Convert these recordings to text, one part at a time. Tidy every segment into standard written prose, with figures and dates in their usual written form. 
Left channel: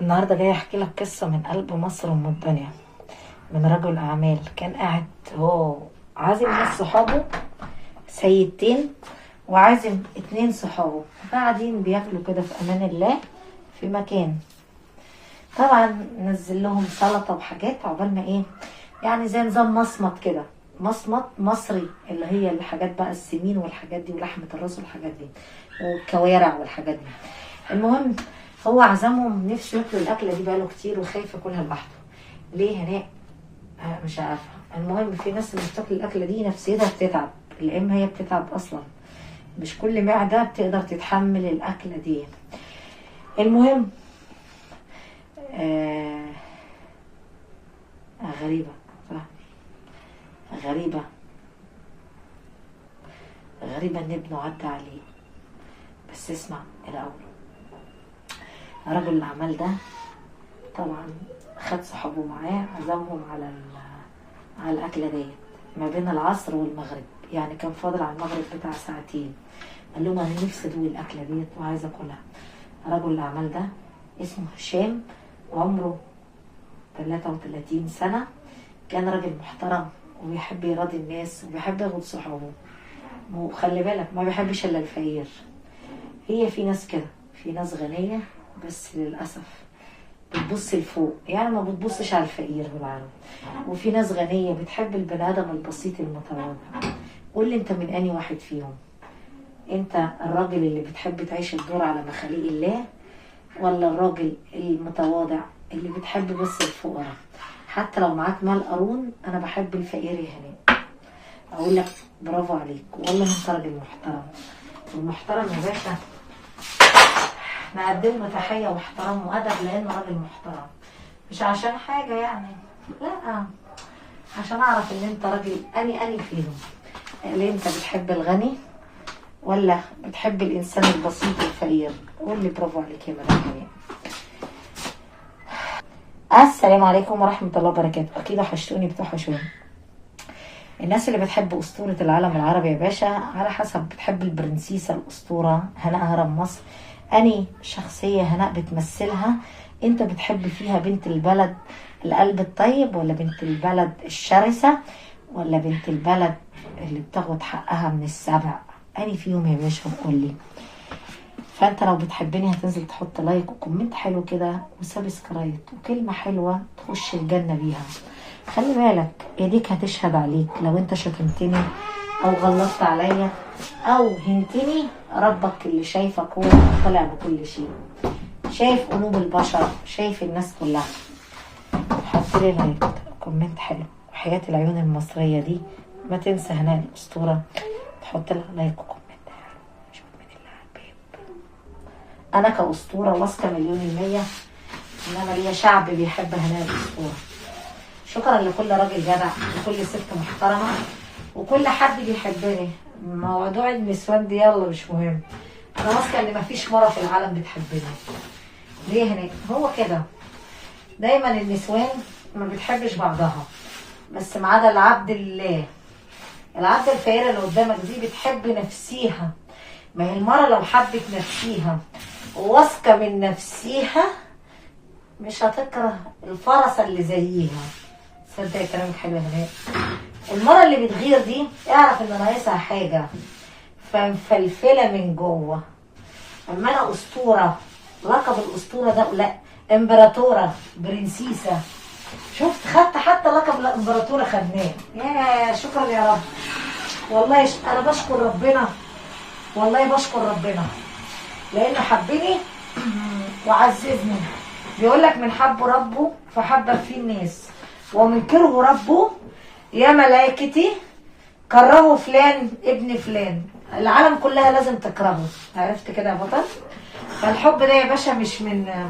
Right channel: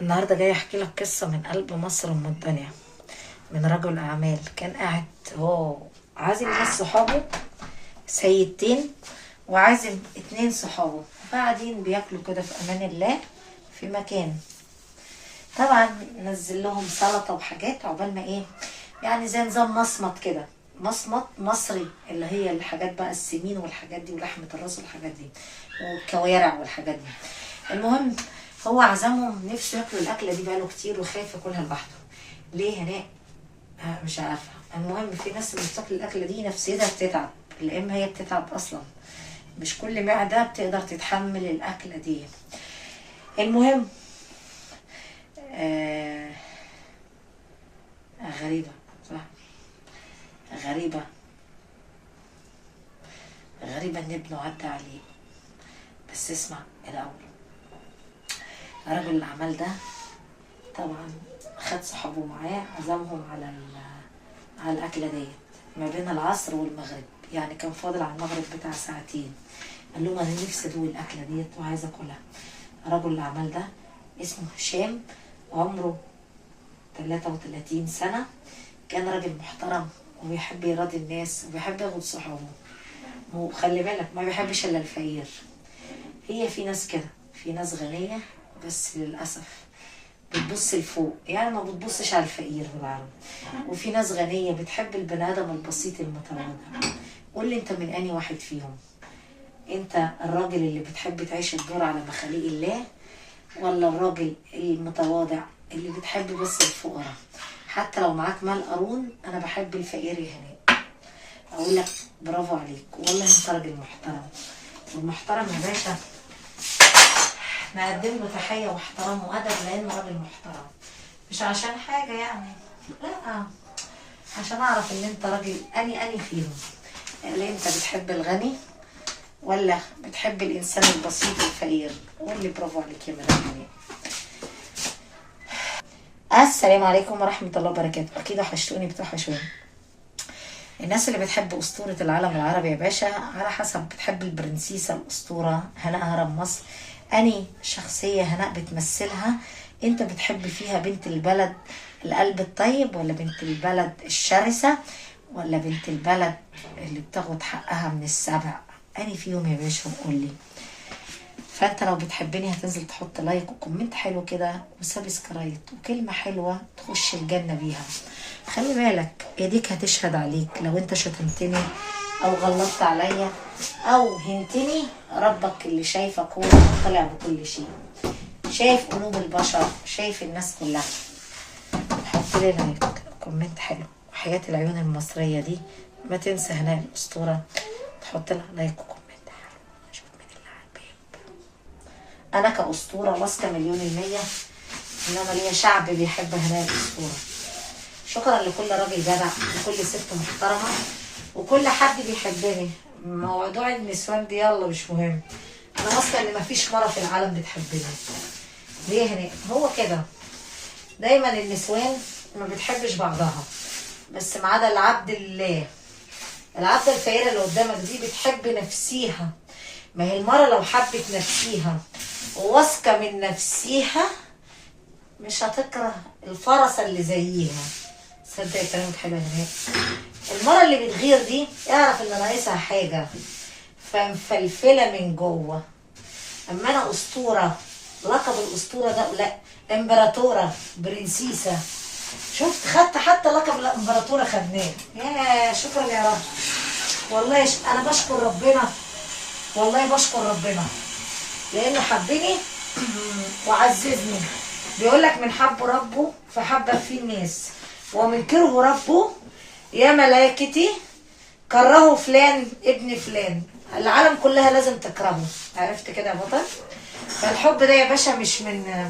النهارده جاي احكي لك قصه من قلب مصر ام الدنيا، من رجل اعمال كان قاعد هو عازم ناس صحابه، سيدتين، وعازم اتنين صحابه، قاعدين بياكلوا كده في امان الله في مكان. طبعا نزل لهم سلطه وحاجات عقبال ما ايه، يعني زي نظام مصمت كده، مصمت مصري، اللي هي الحاجات بقى السمين والحاجات دي ولحمه الراس والحاجات دي والكوارع والحاجات دي. المهم هو عزمهم، نفسه ياكلوا الاكله دي بقاله كتير وخايف ياكلها لوحده. ليه هناك؟ مش عارفه. المهم في ناس اللي بتاكل الاكله دي نفسيتها بتتعب، لان هي بتتعب اصلا، مش كل معده بتقدر تتحمل الاكله دي. المهم آه غريبه، صح، غريبه. غريبه ان ابنه عدى عليه. بس اسمع الاول، رجل الاعمال ده طبعا خد صحابه معاه، عزمهم على الأكلة ديت ما بين العصر والمغرب، يعني كان فاضل على المغرب بتاع ساعتين. قال لهم أنا نفسي أدوق الأكلة ديت وعايز أكلها. رجل الأعمال ده اسمه هشام، عمره 33 سنة، كان راجل محترم وبيحب يراضي الناس وبيحب ياخد صحابه، وخلي بالك ما بيحبش إلا الفقير. هي في ناس كده، في ناس غنية بس للأسف بتبص لفوق، يعني ما بتبصش على الفقير بالعربي. وفي ناس غنية بتحب البني آدم البسيط المتواضع. قول لي انت من اني واحد فيهم؟ انت الراجل اللي بتحب تعيش الدور على مخاليق الله، ولا الراجل المتواضع اللي بتحب بس الفقراء؟ حتى لو معاك مال قارون، انا بحب الفقير يا هناء. اقول لك برافو عليك، والله انت راجل محترم. والمحترم يا باشا نقدم له تحية واحترام وأدب، لأنه راجل محترم، مش عشان حاجة يعني، لا، عشان أعرف إن أنت راجل أني فيهم، اللي أنت بتحب الغني ولا بتحب الإنسان البسيط الفقير. قول لي برافو عليك يا مدام هناء. السلام عليكم ورحمة الله وبركاته. أكيد وحشتوني، بتوحشوني. الناس اللي بتحب أسطورة العالم العربي يا باشا، على حسب بتحب البرنسيسة الأسطورة هناء هرم مصر، أني شخصية هناء بتمثلها. انت بتحب فيها بنت البلد القلب الطيب، ولا بنت البلد الشرسة، ولا بنت البلد اللي بتاخد حقها من السبع؟ أني فيهم يا باشا وقول لي. فانت لو بتحبني هتنزل تحط لايك وكومنت حلو كده وسبسكرايب وكلمة حلوة تخش الجنة بيها. خلي بالك ايديك هتشهد عليك لو انت شتمتني او غلطت عليا او هنتني. ربك اللي شايفك هو مطلع بكل شيء، شايف قلوب البشر، شايف الناس كلها. حط لي لايك كومنت حلو، وحياة العيون المصرية دي ما تنسى هناء الأسطورة تحط لها لايك وكومنت حلو. شوف مين اللي على الباب. أنا كأسطورة واثقة مليون المية إنما ليا شعب بيحب هناء الأسطورة. شكرا لكل راجل جدع وكل ست محترمة وكل حد بيحبني. موضوع النسوان دي يلا مش مهم، انا واثقه ان مفيش مرة في العالم بتحبني. ليه هناك؟ هو كده دايما النسوان ما بتحبش بعضها، بس ما عدا العبد الله. العبد الفقيرة اللي قدامك دي بتحب نفسيها. ما هي المرة لو حبت نفسيها وواثقة من نفسيها مش هتكره الفرسة اللي زيها. صدق كلامك حلو يا هناء. المرة اللي بتغير دي اعرف ان ناقصها حاجة، فمفلفلة من جوه. اما انا اسطورة، لقب الاسطورة ده لا، امبراطورة برنسيسة. شفت خدت حتى لقب الامبراطورة خدناه. يا شكرا يا رب. والله انا بشكر ربنا، والله بشكر ربنا لانه حبني وعززني. بيقول لك من حب ربه فحب فيه الناس، ومن كره ربه يا ملائكتي كرهوا فلان ابن فلان. العالم كلها لازم تكرهه. عرفت كده يا بطل؟ فالحب ده يا باشا مش من،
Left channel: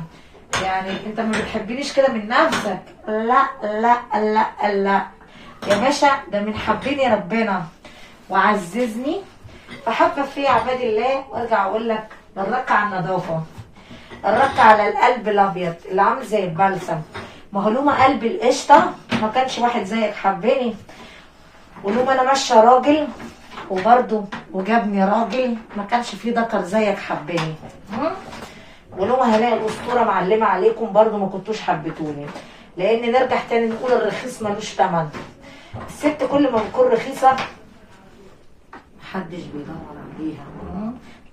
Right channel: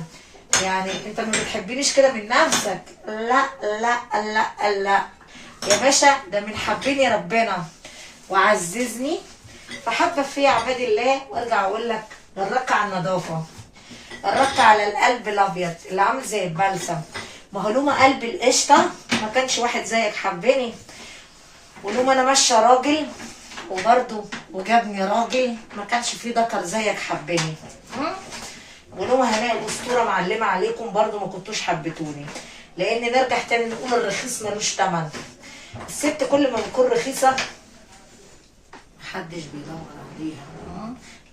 يعني انت ما بتحبنيش كده من نفسك، لا لا لا لا يا باشا، ده من حبني ربنا وعززني فحب فيه عباد الله. وارجع اقول لك الرق على النظافه، الرق على القلب الابيض اللي عامل زي البلسم. ما هو لوما قلب القشطه ما كانش واحد زيك حبني، ولوما انا ماشيه راجل وبرده وجابني راجل ما كانش فيه ذكر زيك حبني. ونوم هنلاقي الاسطوره معلمه عليكم برضو، ما كنتوش حبيتوني. لان نرجع تاني نقول الرخيص ملوش تمن. الست كل ما بتكون رخيصه محدش بيدور عليها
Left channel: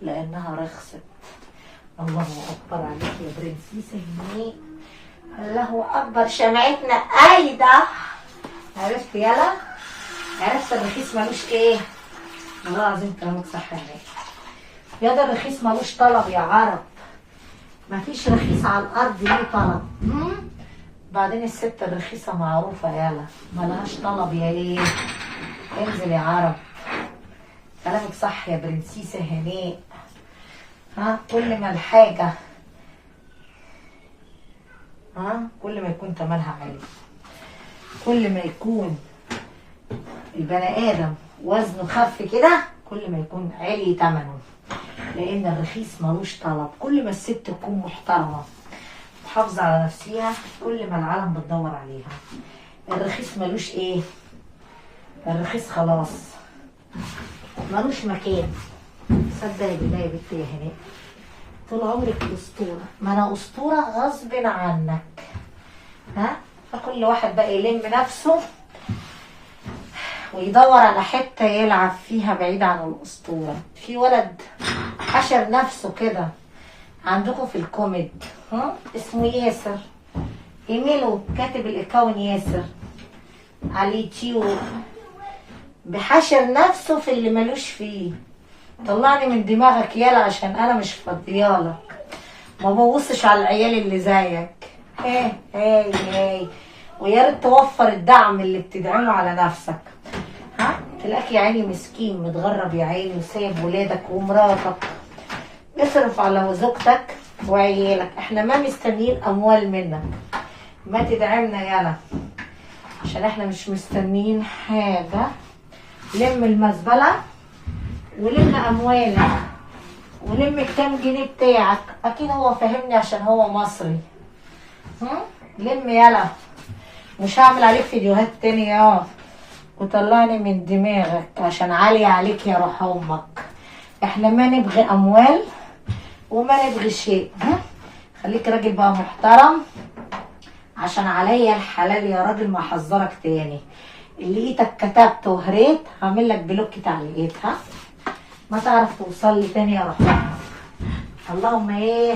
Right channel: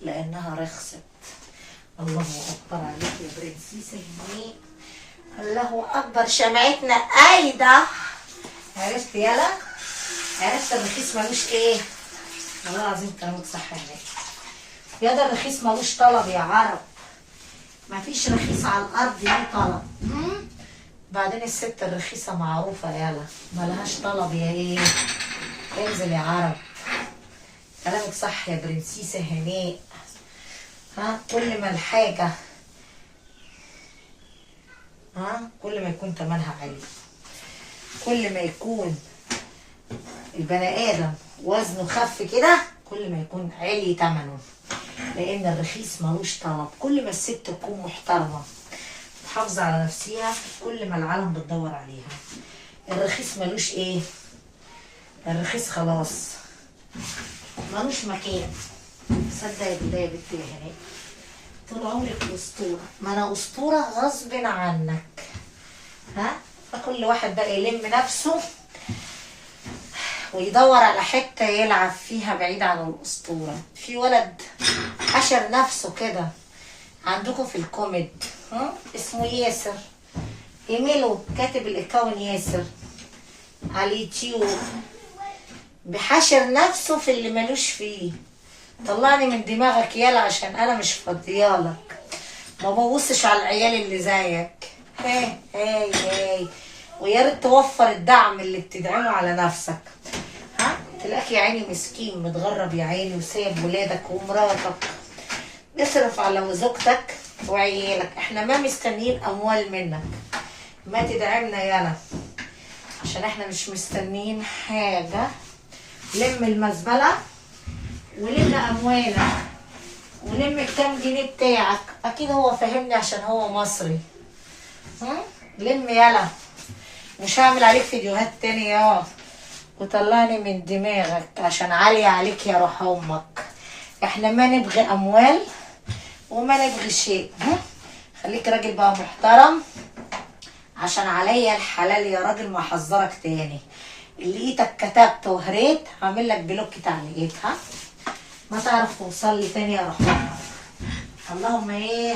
لانها رخصت. الله اكبر عليك يا برنسيسه هنيه، الله اكبر. شمعتنا ايده. عرفت يلا؟ عرفت الرخيص ملوش ايه؟ والله العظيم كلامك صح يا هنيه. يا ده الرخيص ملوش طلب يا عرب. مفيش رخيص على الارض ليه طلب. بعدين الست الرخيصه معروفه يلا، ملهاش طلب يا ايه. انزل يا عرب. كلامك صح يا برنسيسه هنيه. كل ما الحاجه كل ما يكون تمنها عالي، كل ما يكون البني ادم وزنه خف كده كل ما يكون عالي تمنه. لان الرخيص ملوش طلب. كل ما الست تكون محترمه محافظه على نفسها كل ما العالم بتدور عليها. الرخيص ملوش ايه؟ الرخيص خلاص ملوش مكان. صدقي بالله يا بنتي يا هناء، طول عمرك اسطوره. ما انا اسطوره غصب عنك. فكل واحد بقى يلم نفسه ويدور على حته يلعب فيها بعيد عن الاسطوره. في ولد حشر نفسه كده عندكم في الكوميد اسمه ياسر. ايميله كاتب الاكاون ياسر على اليوتيوب، بحشر نفسه في اللي ملوش فيه. طلعني من دماغك يالا عشان انا مش فاضيالك. ما ببصش على العيال اللي زيك. هاي ويا ريت توفر الدعم اللي بتدعمه على نفسك. تلاقيك يا عيني مسكين متغرب يا عيني وسايب ولادك ومراتك. اصرف على زوجتك وعيالك. احنا ما مستنيين اموال منك، ما تدعمنا يالا عشان احنا مش مستنيين حاجه. لم المزبله ولم اموالك ولم الكام جنيه بتاعك. اكيد هو فاهمني عشان هو مصري. لم يلا، مش هعمل عليك فيديوهات تاني وطلعني من دماغك عشان عالية عليك يا روح امك. احنا ما نبغي اموال وما نبغي شيء. خليك راجل بقى محترم عشان عليا الحلال يا راجل. ما احذرك تاني، اللي ايدك كتبت وهريت هعمل لك بلوك تعليقات. ما تعرف توصل لي تاني يا روح امك. اللهم ايه،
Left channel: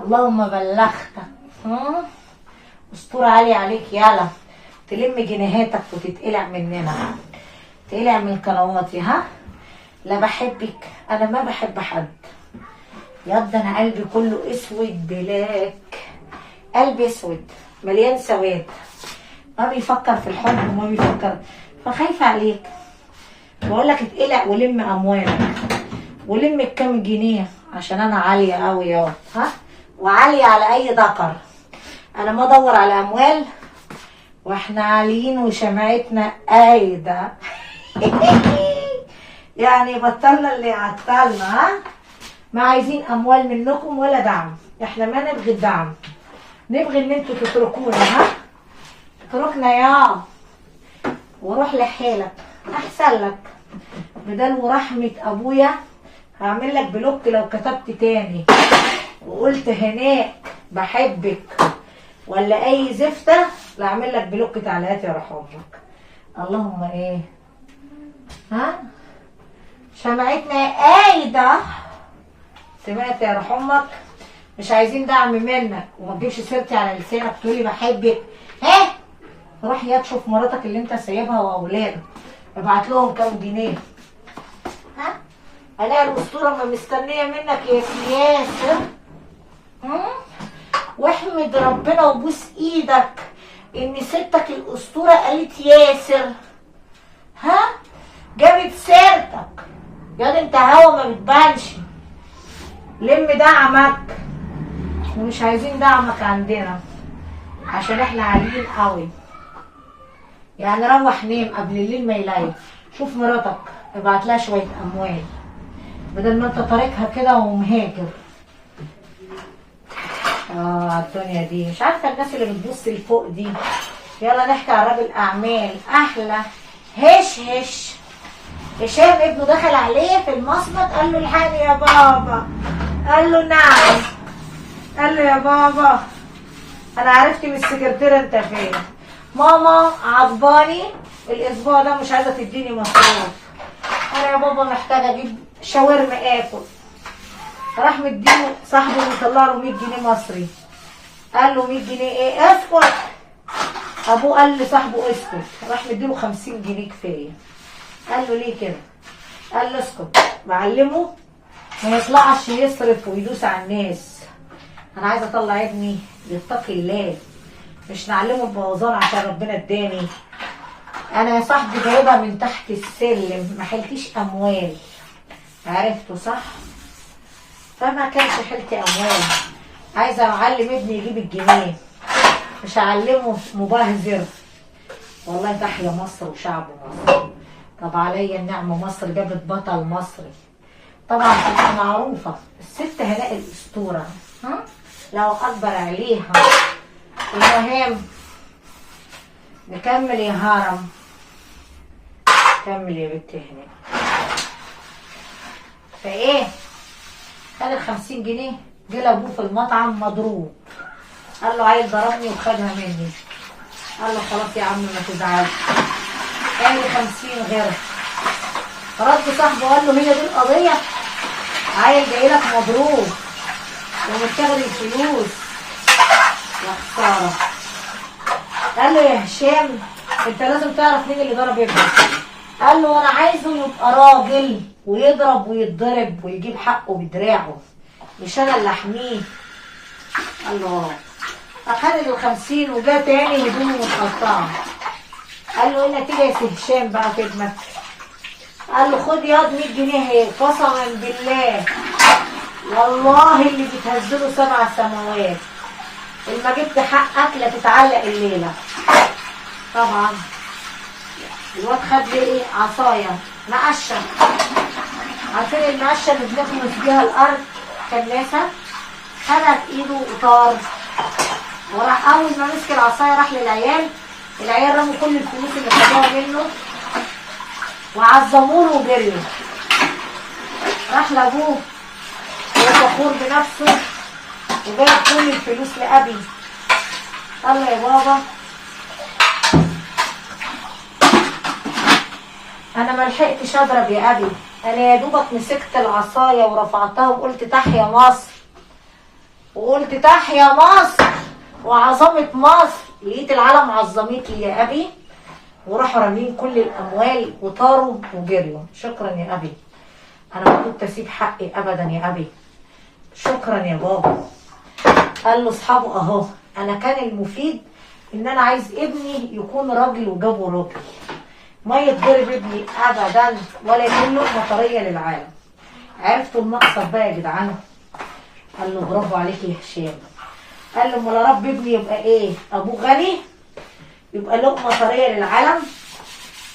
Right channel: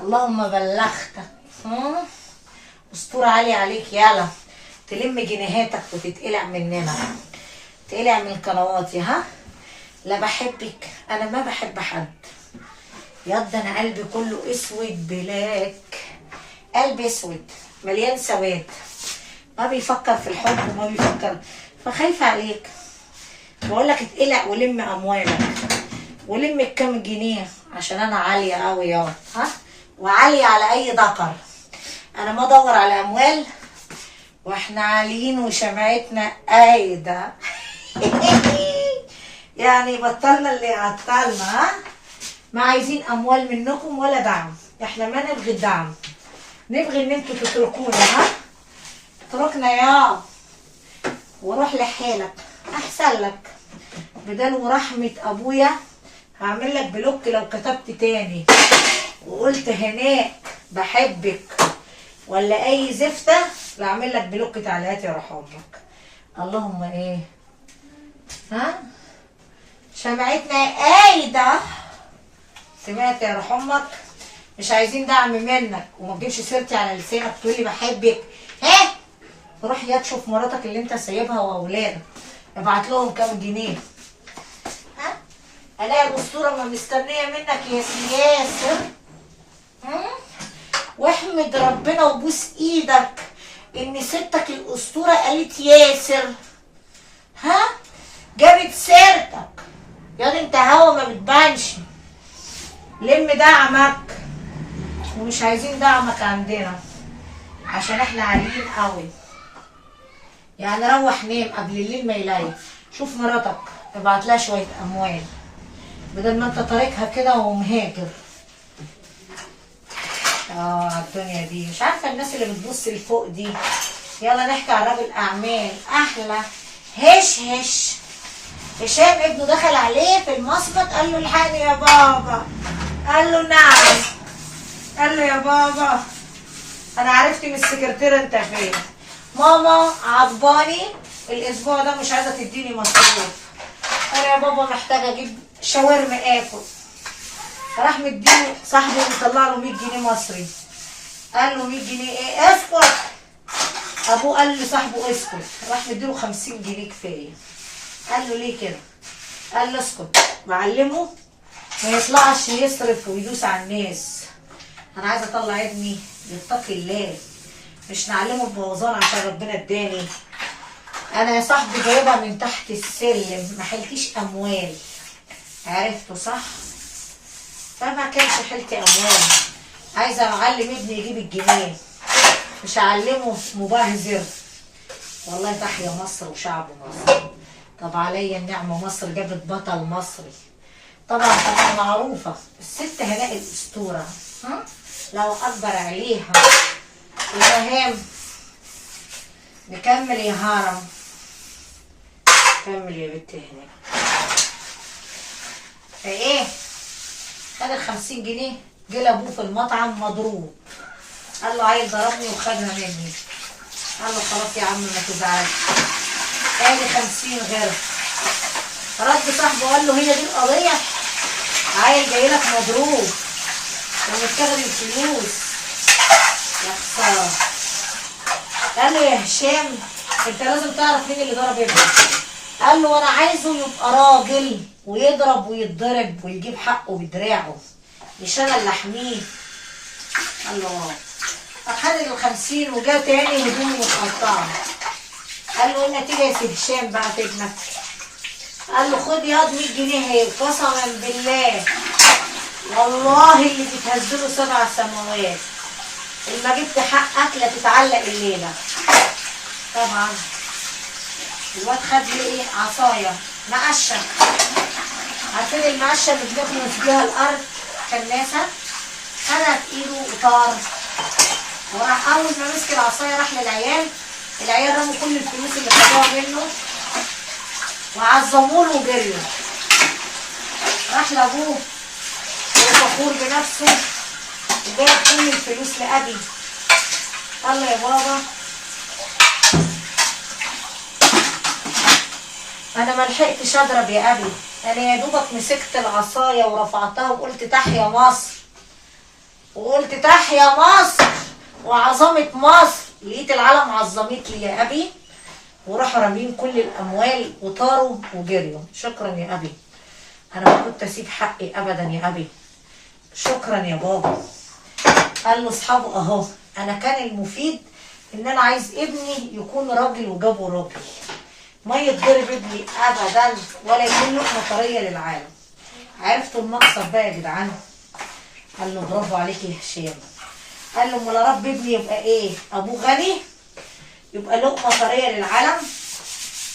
اللهم بلغتك. اسطوره عاليه عليك يالا. تلم جنيهاتك وتتقلع مننا، تقلع من قنواتي. لا بحبك، انا ما بحب حد. يض انا قلبي كله اسود بلاك. قلبي اسود مليان سواد، ما بيفكر في الحب وما بيفكر. فخايفه عليك. بقول لك اتقلع ولم اموالك ولم الكام جنيه عشان انا عاليه قوي وعاليه على اي ذكر. انا ما ادور على اموال واحنا عاليين وشمعتنا قايده. يعني بطلنا اللي عطلنا. ما عايزين اموال منكم ولا دعم. احنا ما نبغي الدعم، نبغي ان انتوا تتركونا. اتركنا وروح لحالك احسن لك. بدل ورحمه ابويا هعمل لك بلوك لو كتبت تاني وقلت هناك بحبك ولا اي زفته. لا اعمل لك بلوك تعليقات يا روح امك. اللهم ايه، شمعتنا قايده. سمعت يا روح امك؟ مش عايزين دعم منك وما تجيبش سيرتي على لسانك تقولي بحبك. روح يا تشوف مراتك اللي انت سايبها واولادك، ابعت لهم كام جنيه. الاقي الاسطوره ما مستنيه منك يا سياسر. واحمد ربنا وبوس ايدك ان ستك الاسطوره قالت ياسر. جابت سيرتك يا انت هوا ما بتبانش. لم دعمك، ومش عايزين دعمك عندنا عشان احنا عاليين قوي. يعني روح نام قبل الليل ما يليل. شوف مراتك ابعت لها شويه اموال بدل ما انت طريقها كده ومهاجر. الدنيا دي مش عارفه الناس اللي بتبص لفوق دي. يلا نحكي على راجل اعمال احلى. هشام ابنه دخل عليه في المصمت قال له الحقني يا بابا. قال له نعم. قال له يا بابا انا عرفت من السكرتيره انت فين. ماما عضباني الاسبوع ده مش عايزه تديني مصروف. انا يا بابا محتاجه اجيب شاورما اكل. راح مديله صاحبه مطلع له 100 جنيه مصري. قال له 100 جنيه ايه؟ اسكت. ابوه قال لصاحبه اسكت. راح مديله 50 جنيه كفايه. قال له ليه كده؟ قال له اسكت. بعلمه ما يطلعش يصرف ويدوس على الناس. انا عايزه اطلع ابني يتقي الله، مش نعلمه البوظان عشان ربنا اداني. انا يا صاحبي جايبها من تحت السلم، ما حلتيش اموال. عرفته صح؟ فما كانش حلتي اموال. عايزه اعلم ابني يجيب الجنيه، مش هعلمه مبهذر. والله تحيا مصر وشعب مصر. طب عليا النعمه، مصر جابت بطل مصري. طبعا تبقى معروفه الست هناء الاسطوره، لو اكبر عليها. المهم نكمل يا هرم. كمل يا بنت هنا. فايه خد ال 50 جنيه. جه لابوه في المطعم مضروب. قال له عيل ضربني وخدها مني. قال له خلاص يا عم ما تزعلش، قال لي 50 غيرها. رد صاحبه قال له هي دي القضيه؟ عيل جاي لك مضروب ومتاخد الفلوس. يا خساره. قال له يا هشام انت لازم تعرف مين اللي ضرب ابنك. قال له انا عايزه يبقى راجل ويضرب ويتضرب ويجيب حقه بدراعه، مش انا اللي احميه. قال له فخد ال 50 وجا تاني هدومه متقطعه. قال له ايه النتيجه يا سي هشام بقى في ابنك؟ قال له خد ياض 100 جنيه اهي. قسما بالله والله اللي بتهزله 7 سماوات اللي ما جبت حقك لا تتعلق الليله. طبعا الواد خد لي ايه؟ عصايه مقشه. عارفين المقشه اللي بنكنس بيها الارض كناسه؟ خدها في ايده وطار. وراح اول ما مسك العصايه راح للعيال. العيال رموا كل الفلوس اللي خدوها منه وعظموه وجريوا. راح لابوه وهو فخور بنفسه وجايب كل الفلوس لابي. قال له يا بابا انا ما لحقتش اضرب يا ابي، انا يا دوبك مسكت العصايه ورفعتها وقلت تحيا مصر، وقلت تحيا مصر وعظمه مصر. لقيت العالم عظمت لي يا ابي، وراحوا رامين كل الاموال وطاروا وجريوا. شكرا يا ابي، انا ما كنت اسيب حقي ابدا يا ابي. شكرا يا بابا. قال له اصحابه اهو، انا كان المفيد ان انا عايز ابني يكون راجل وجابه راجل، ما يتضرب ابني ابدا ولا يكون له طريه للعالم. عرفتوا المقصد بقى يا جدعان؟ قال له برافو عليك يا هشام. قال له امال يا رب ابني يبقى ايه؟ ابوه غني يبقى لقمه طريه للعالم؟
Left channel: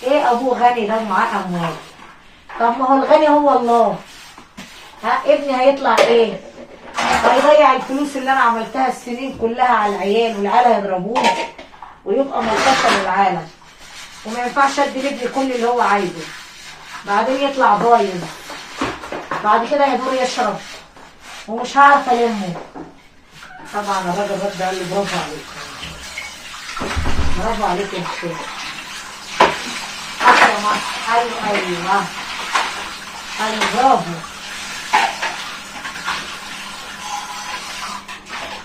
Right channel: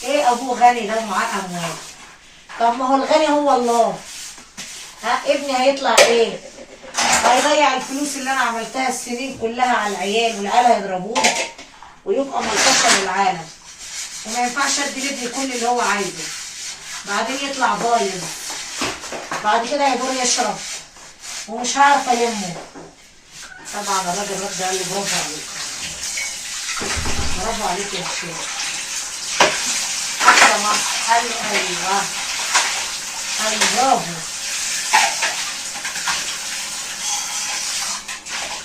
ايه ابوه غني ده معاه اموال؟ طب ما هو الغني هو الله. ابني هيطلع ايه؟ هيضيع الفلوس اللي انا عملتها السنين كلها على العيال والعيال هيضربوه ويبقى ملطشه للعالم. وما ينفعش ادي لابني كل اللي هو عايزه، بعدين يطلع بايظ، بعد كده هيدور يشرب ومش هعرف المه. طبعا الراجل رد قال له برافو عليك، برافو عليك يا هشام. احلى مصر. قال له ايوه. قال له برافو.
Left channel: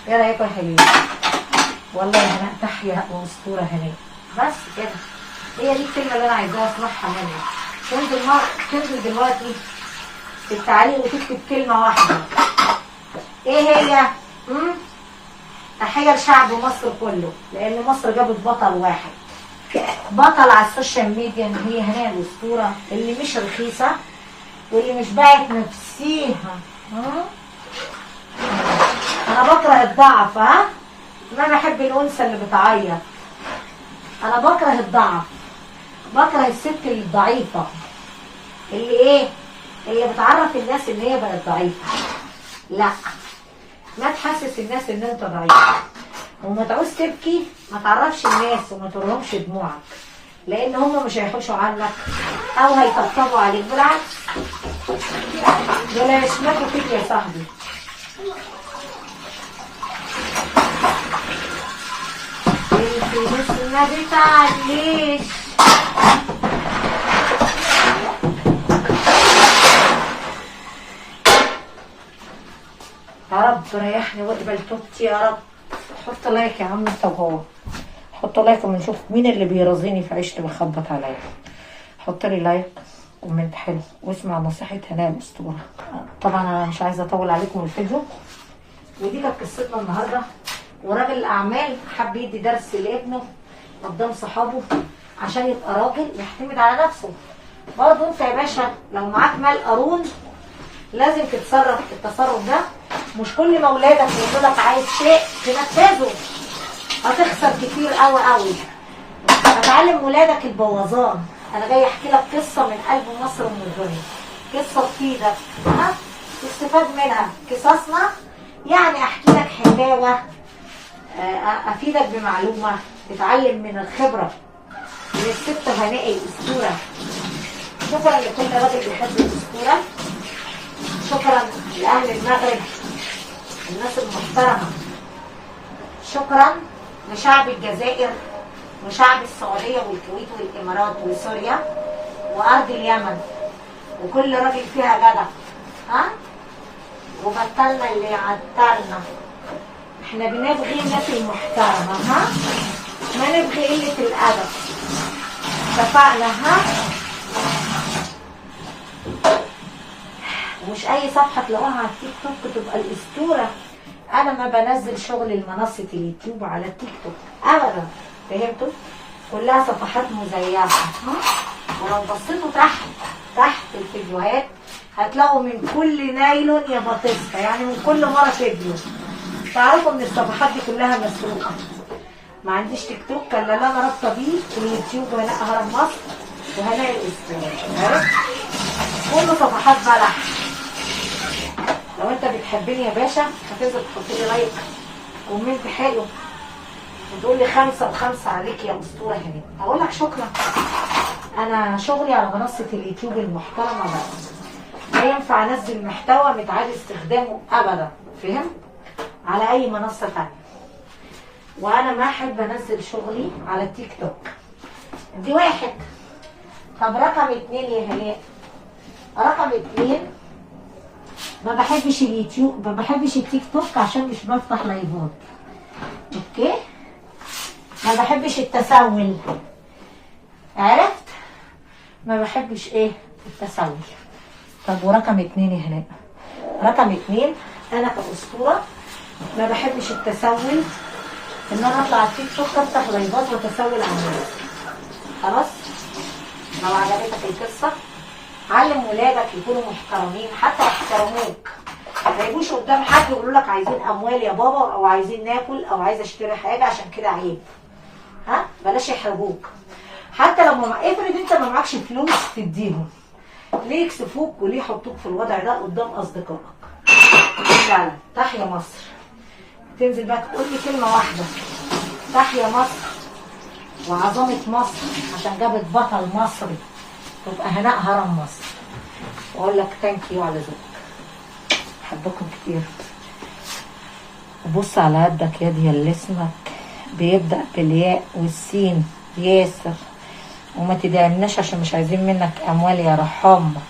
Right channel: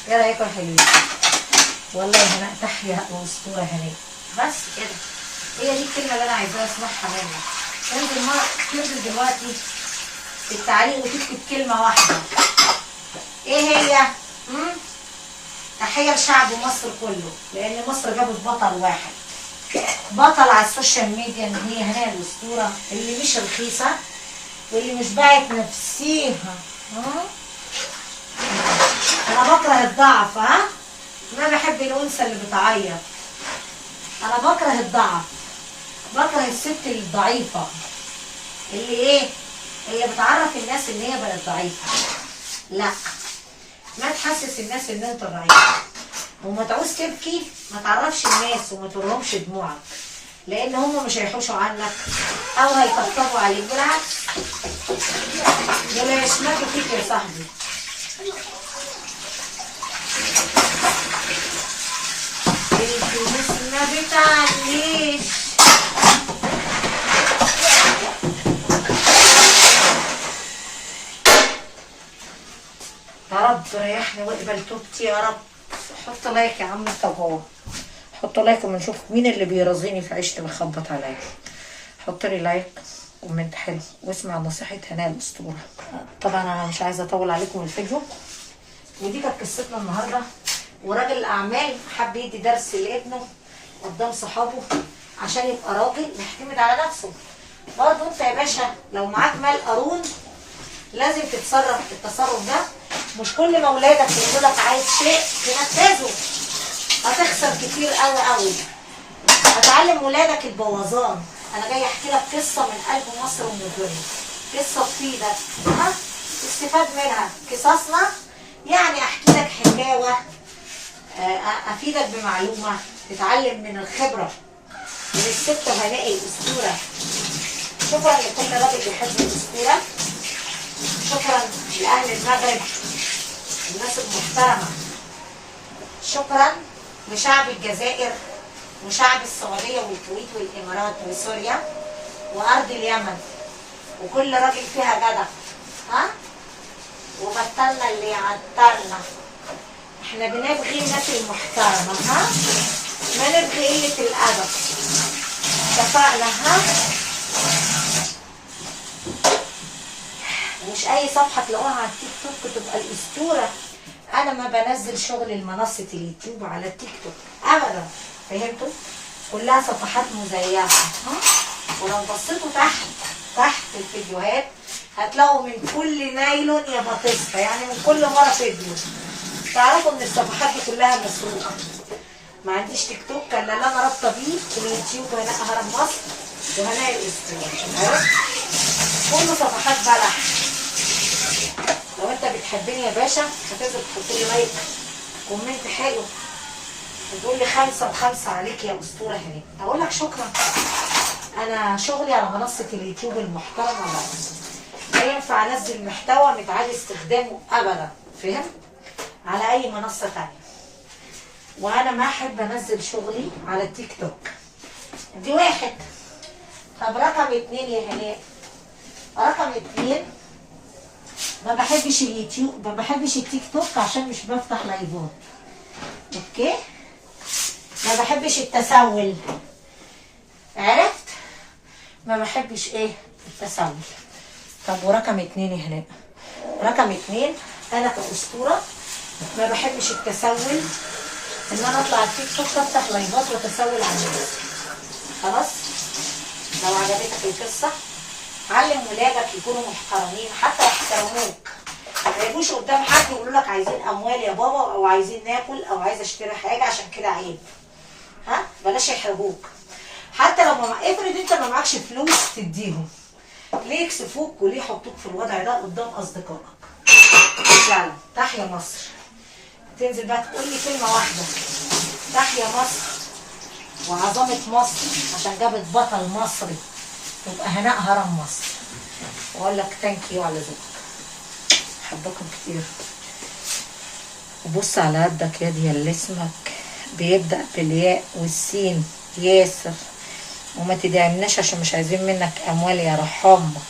ايه رايكم يا حلوين؟ والله هناء تحيا واسطوره هناء. بس كده هي دي الكلمه اللي انا عايزاها اسمعها منك. تنزل دلوقتي في التعليق وتكتب كلمه واحده. ايه هي؟ تحيه لشعب مصر كله، لان مصر جابت بطل واحد، بطل على السوشيال ميديا، ان هي هناء الاسطوره اللي مش رخيصه واللي مش باعت نفسيها. انا بكره الضعف. ما بحب الانثى اللي بتعيط. انا بكره الضعف، بكره الست الضعيفه اللي ايه؟ اللي بتعرف الناس ان هي بقت ضعيفه. لا، ما تحسس الناس ان انت ضعيف، وما تعوز تبكي ما تعرفش الناس وما تورهمش دموعك، لان هم مش هيحوشوا عنك او هيطبطبوا عليك، بالعكس دول هيشمتوا فيك يا صاحبي. ما بتعليش. يا رب ريحني واقبل توبتي يا رب. حط لايك يا عم انت وهو، حط لايك ونشوف مين اللي بيرازيني في عيشتي بيخبط عليا. حط لي لايك كومنت حلو واسمع نصيحة هناء الأسطورة. طبعا انا مش عايزة اطول عليكم الفيديو، ودي كانت قصتنا النهارده. وراجل الاعمال حب يدي درس لابنه قدام صحابه عشان يبقى راجل يعتمد على نفسه. برضه انت يا باشا لو معاك مال قارون لازم تتصرف التصرف ده. مش كل ما ولادك يقولوا لك عايز شيء تنفذه، هتخسر كتير قوي قوي. هتعلم ولادك البوظان. انا جاي احكي لك قصه من قلب مصر ومن الدنيا، قصه تفيدك ها تستفاد منها. قصصنا يعني احكي لك حكاوه، افيدك بمعلومه، تتعلم من الخبره من الست هناء الاسطوره. شكرا لكل راجل بيحب الاسطوره، شكرا لاهل المغرب الناس المحترمه، شكرا لشعب الجزائر وشعب السعوديه والكويت والامارات وسوريا وارض اليمن وكل راجل فيها جدع ها. وبطلنا اللي يعطلنا، احنا بنبغي الناس المحترمه ها، ما نبغي قله الادب. اتفقنا ها؟ ومش اي صفحه تلاقوها على التيك توك تبقى الاسطوره. انا ما بنزل شغل المنصه اليوتيوب على التيك توك ابدا، فهمتوا؟ كلها صفحات مزيفه. ولو بصيتوا تحت الفيديوهات هتلاقوا من كل نايلون يا بطيستا، يعني من كل مره فيديو. تعرفوا ان الصفحات دي كلها مسروقه. ما عنديش تيك توك الا اللي انا رابطه بيه اليوتيوب هناء هرم مصر وهناء الاسطوره، عرفت؟ كله صفحات بلح. لو انت بتحبني يا باشا هتنزل تحط لي لايك كومنت حلو وتقول لي 5 و5 عليك يا اسطوره هناء. اقول لك شكرا. انا شغلي على منصه اليوتيوب المحترمه بس، لا ينفع انزل محتوى متعاد استخدامه ابدا، فهم؟ على اي منصه ثانيه. وانا ما احب انزل شغلي على التيك توك. دي واحد. طب رقم 2 يا هناء، رقم 2 ما بحبش اليوتيوب، ما بحبش التيك توك عشان مش بفتح لايفات. اوكي؟ ما بحبش التسول، عرفت؟ ما بحبش ايه؟ التسول. طب ورقم 2 يا هناء، رقم 2 انا كأسطورة ما بحبش التسول، ان انا اطلع على التيك توك افتح لايفات واتسول على الناس. خلاص؟ لو عجبتك القصة علم ولادك يكونوا محترمين حتى يحترموك. ما يجوش قدام حد يقولوا لك عايزين اموال يا بابا او عايزين ناكل او عايز اشتري حاجة عشان كده عيب. ها؟ بلاش يحرجوك. حتى لو افرض انت ما معكش فلوس تديهم، ليه يكسفوك وليه يحطوك في الوضع ده قدام اصدقائك؟ فعلا تحيا مصر. تنزل بقى تقول لي كلمه واحده، تحيا مصر وعظمه مصر عشان جابت بطل مصري تبقى هناء هرم مصر. واقول لك ثانك يو على ذوقك، بحبكم كتير. وبص على قدك يا دي اللي اسمك بيبدأ بالياء والسين، ياسر. وما تدعمناش عشان مش عايزين منك اموال يا رحمة.